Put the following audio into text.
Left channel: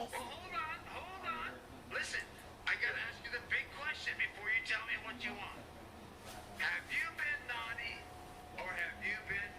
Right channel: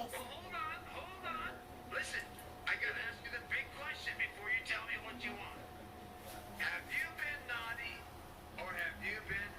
Yes. Well, hold on. Listen, I gotta ask you the big question before you tell me what you want. Have you been naughty or have you been